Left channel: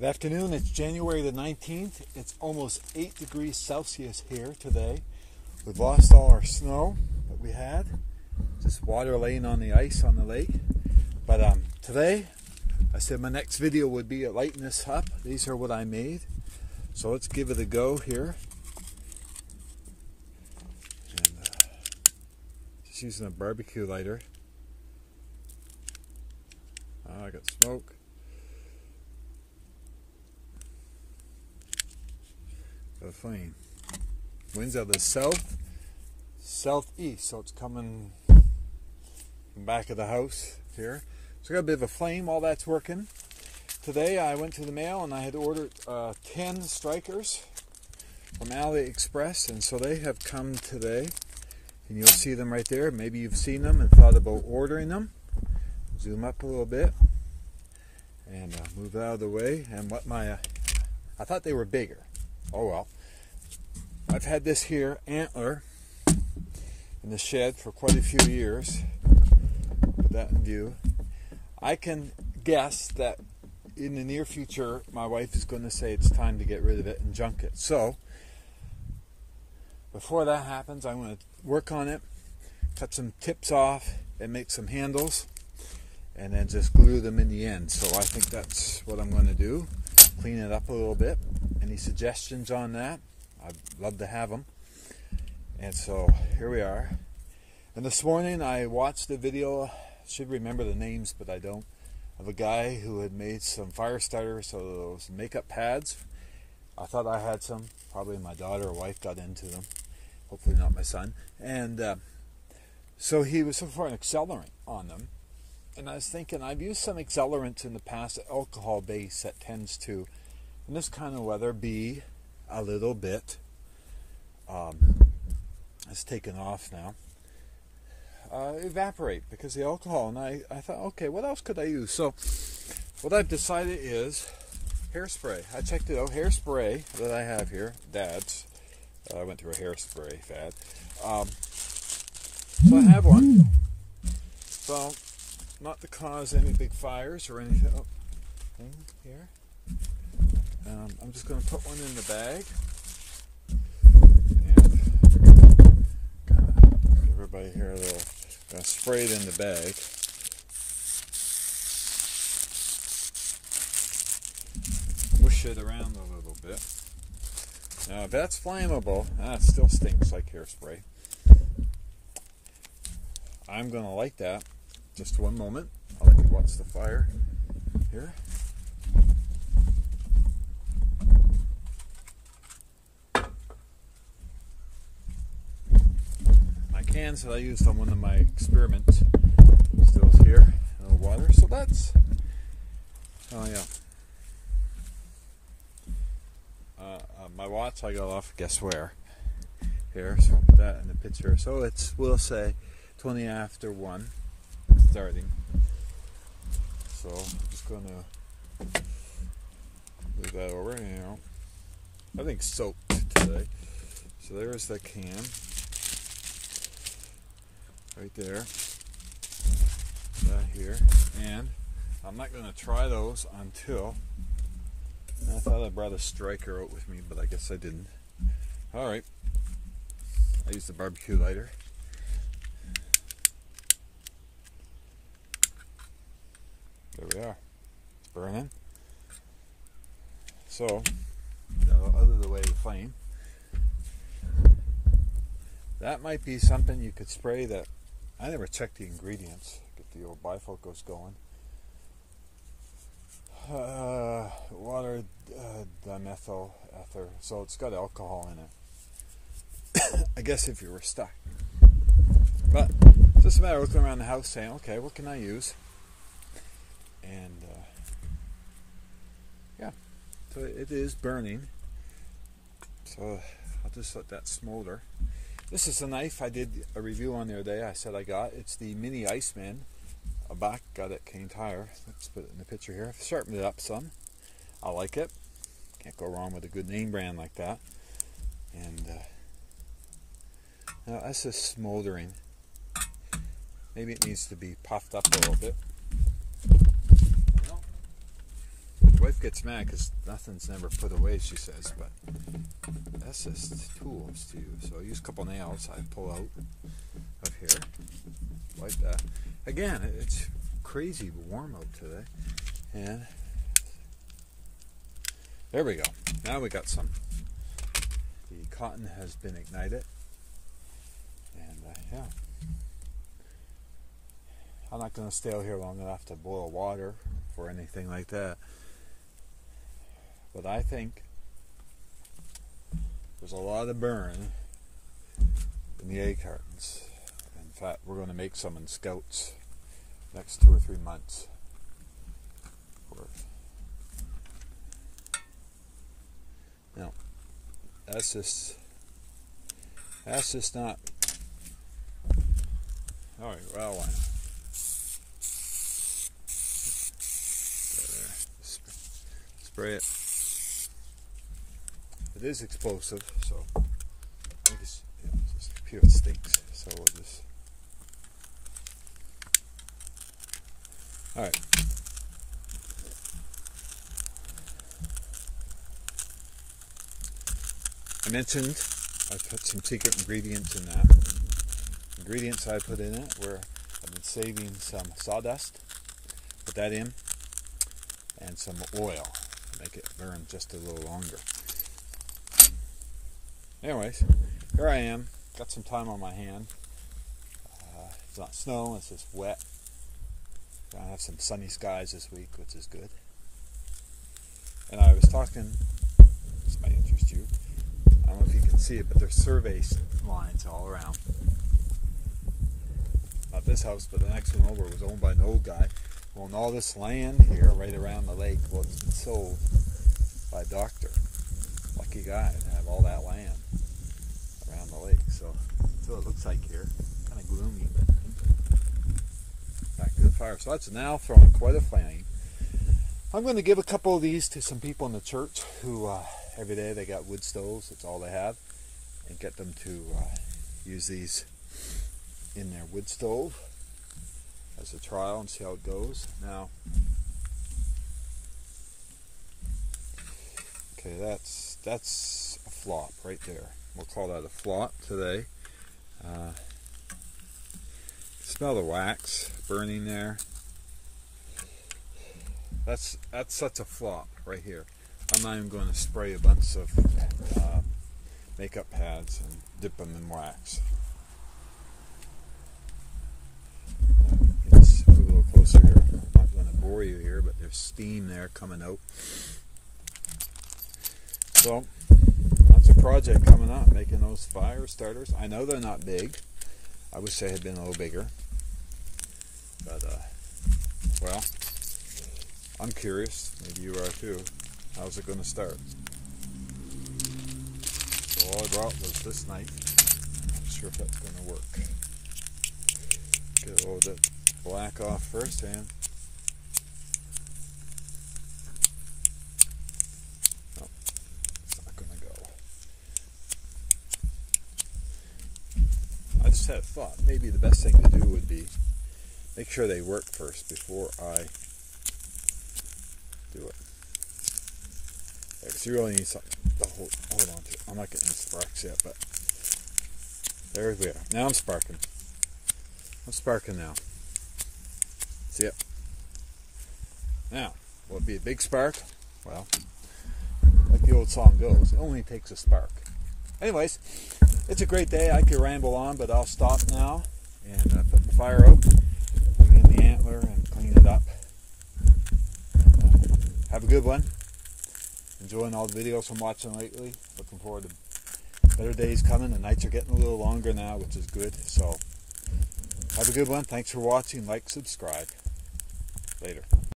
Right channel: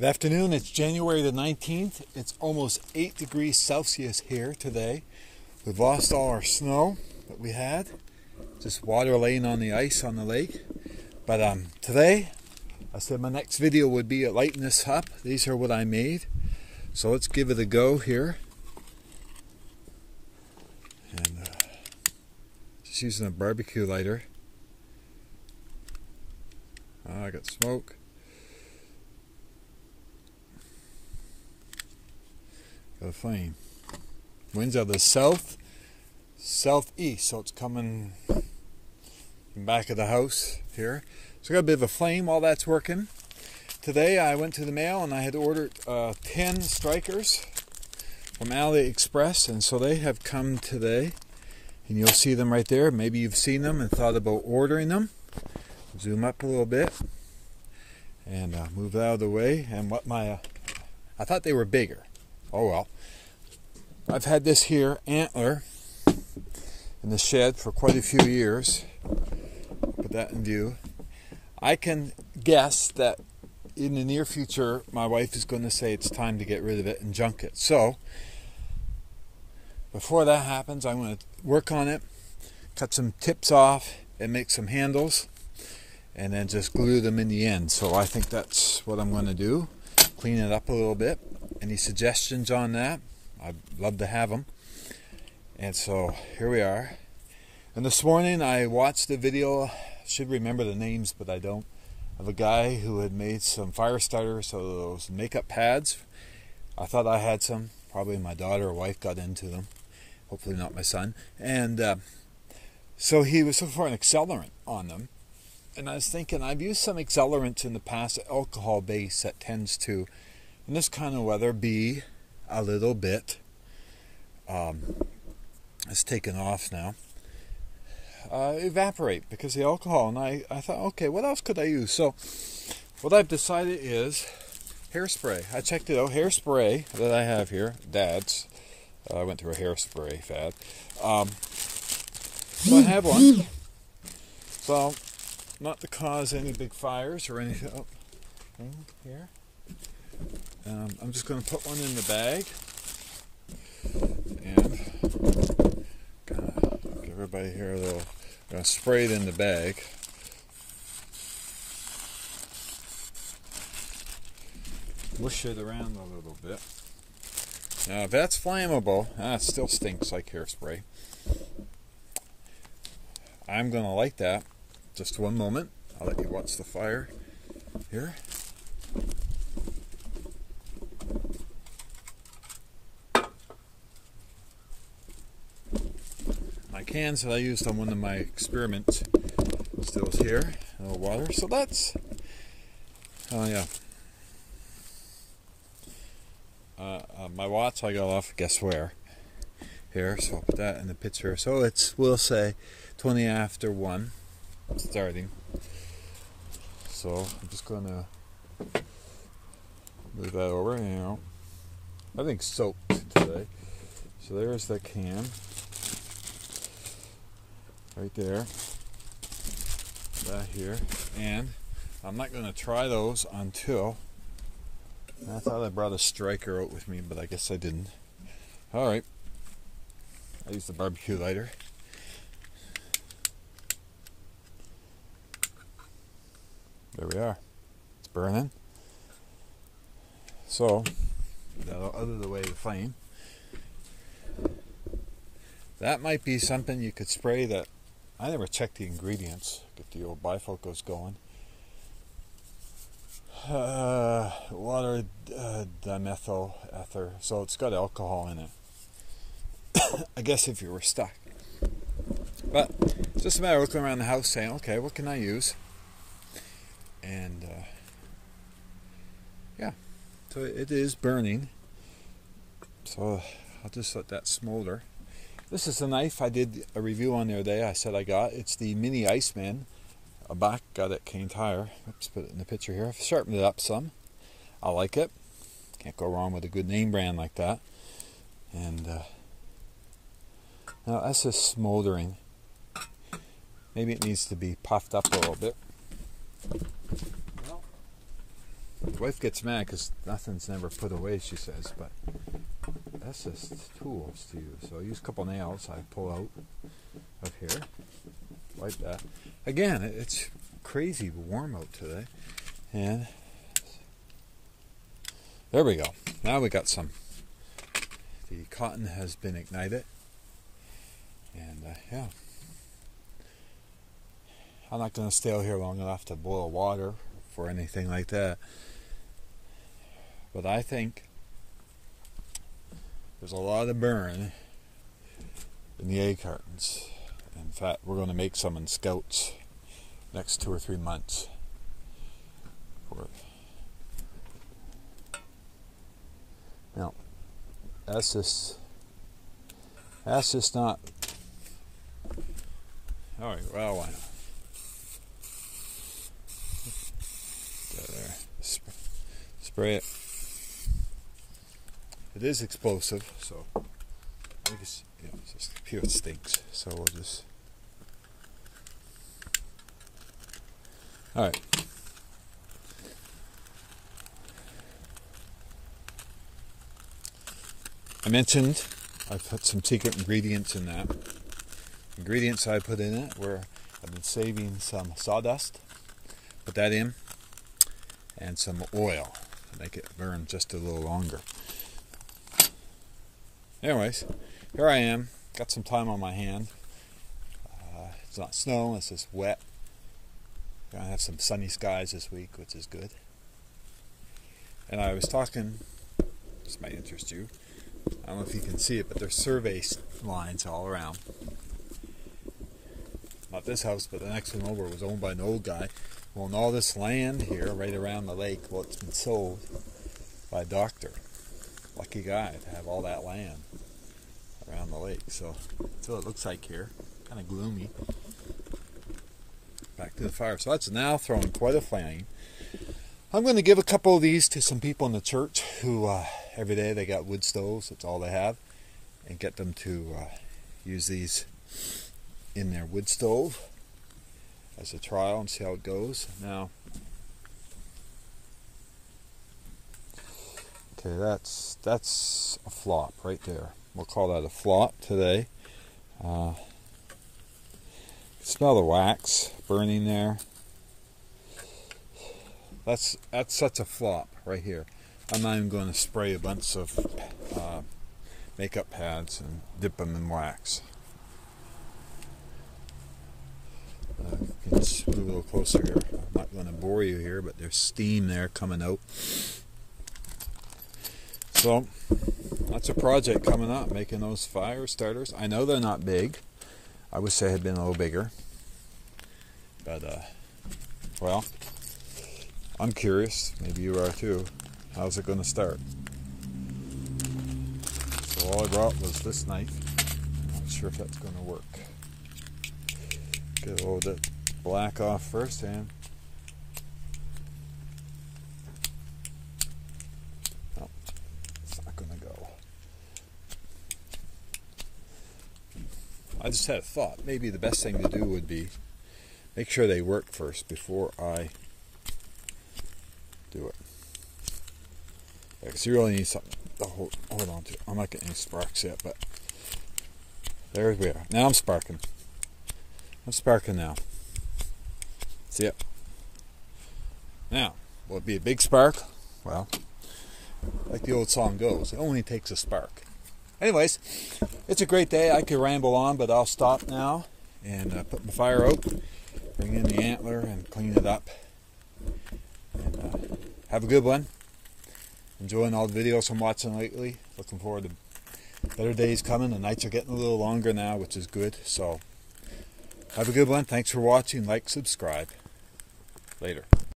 Good afternoon, it's January the 19th. It's almost 8 degrees Celsius here today. We've lost all our snow that we had. Just water laying on the ice on the lake. But today, I said my next video would be at lighting this up. These are what I made. So let's give it a go here. And just using a barbecue lighter. I got smoke. Got a flame. Winds out of the southeast, so it's coming from back of the house here. So I got a bit of a flame while that's working. Today I went to the mail and I had ordered 10 strikers from AliExpress, and so they have come today. And you'll see them right there. Maybe you've seen them and thought about ordering them. Zoom up a little bit and move out of the way. And what I thought they were bigger. Oh well. I've had this here antler in the shed for quite a few years. Put that in view. I can guess that in the near future my wife is going to say it's time to get rid of it and junk it. So before that happens, I'm going to work on it, cut some tips off and make some handles, and then just glue them in the end. So I think that's what I'm going to do. Clean it up a little bit. Any suggestions on that? I'd love to have them. And so here we are. And this morning I watched the video, should remember the names but I don't, of a guy who had made some fire starters, so those makeup pads. I thought I had some. Probably my daughter or wife got into them. Hopefully not my son. And so he was looking for an accelerant on them. And I was thinking, I've used some accelerants in the past, alcohol base that tends to, in this kind of weather, be a little bit, it's taken off now, evaporate because the alcohol. And I thought, okay, what else could I use? So what I've decided is hairspray. I checked it out. Hairspray that I have here, Dad's. I went through a hairspray fad. So I have one. So not to cause any big fires or anything. Oh, here. I'm just going to put one in the bag and give everybody here a little. I'm going to spray it in the bag. Whoosh it around a little bit. Now, if that's flammable, it still stinks like hairspray. I'm going to light that. Just one moment. I'll let you watch the fire here. My cans that I used on one of my experiments still here. No water. So that's, oh yeah. My watch I got off guess where here, so I'll put that in the picture. So it's, we'll say 20 after 1 starting. So I'm just going to move that over, you know. I think soaked today. So there's the can right there, that here, and I'm not going to try those until, I thought I brought a striker out with me, but I guess I didn't. Alright, I used the barbecue lighter. There we are. It's burning. So, out of the way, the flame. That might be something you could spray that, I never checked the ingredients. Get the old bifocals going. Water, dimethyl ether, so it's got alcohol in it. I guess if you were stuck. But it's just a matter of looking around the house saying, okay, what can I use? And yeah, so it is burning. So I'll just let that smolder. This is a knife I did a review on the other day. I said I got. It's the Mini Iceman. A back got at Cane Tire. Let's put it in the picture here. I've sharpened it up some. I like it. Can't go wrong with a good name brand like that. And now that's just smoldering. Maybe it needs to be puffed up a little bit. Well, Wife gets mad because nothing's never put away, she says, but that's just tools to use. So I use a couple nails I pull out of here, like that. Again, it's crazy warm out today, and there we go. Now we got some. The cotton has been ignited, and yeah. I'm not going to stay out here long enough to boil water for anything like that. But I think there's a lot of burn in the egg cartons. In fact, we're going to make some in Scouts next 2 or 3 months. Now, that's just not. All right, well, why not? Spray it. It is explosive, so I just, it's just pure stinks. So we'll just. All right. I mentioned I put some secret ingredients in that. Ingredients I put in it were I've been saving some sawdust. Put that in, and some oil to make it burn just a little longer. Anyways, here I am. Got some time on my hand. It's not snow, it's just wet. Gonna have some sunny skies this week, which is good. And I was talking, this might interest you. I don't know if you can see it, but there's survey lines all around. Not this house, but the next one over was owned by an old guy. Well, and all this land here, right around the lake, well, it's been sold by a doctor. Lucky guy to have all that land around the lake. So that's what it looks like here. Kind of gloomy. Back to the fire. So that's now throwing quite a flame. I'm going to give a couple of these to some people in the church who every day they got wood stoves. That's all they have. And get them to use these in their wood stove as a trial and see how it goes. Now, okay, that's a flop right there. We'll call that a flop today. Smell the wax burning there. That's such a flop right here. I'm not even going to spray a bunch of makeup pads and dip them in wax. Let's move a little closer here. I'm not going to bore you here, but there's steam there coming out. So that's a project coming up, making those fire starters. I know they're not big. I wish they had been a little bigger. But, well, I'm curious. Maybe you are too. How's it going to start? So all I brought was this knife. I'm not sure if that's going to work. Get a little bit black off first, and no, it's not going to go. I just had a thought. Maybe the best thing to do would be make sure they work first before I do it. Yeah, because you really need something to hold on to. I'm not getting any sparks yet, but there we are. Now I'm sparking. I'm sparking now. See it? Now, will it be a big spark? Well, like the old song goes, it only takes a spark. Anyways, it's a great day. I could ramble on, but I'll stop now and put the fire out, bring in the antler and clean it up. And have a good one. Enjoying all the videos I'm watching lately. Looking forward to better days coming. The nights are getting a little longer now, which is good. So have a good one. Thanks for watching. Like, subscribe. Later.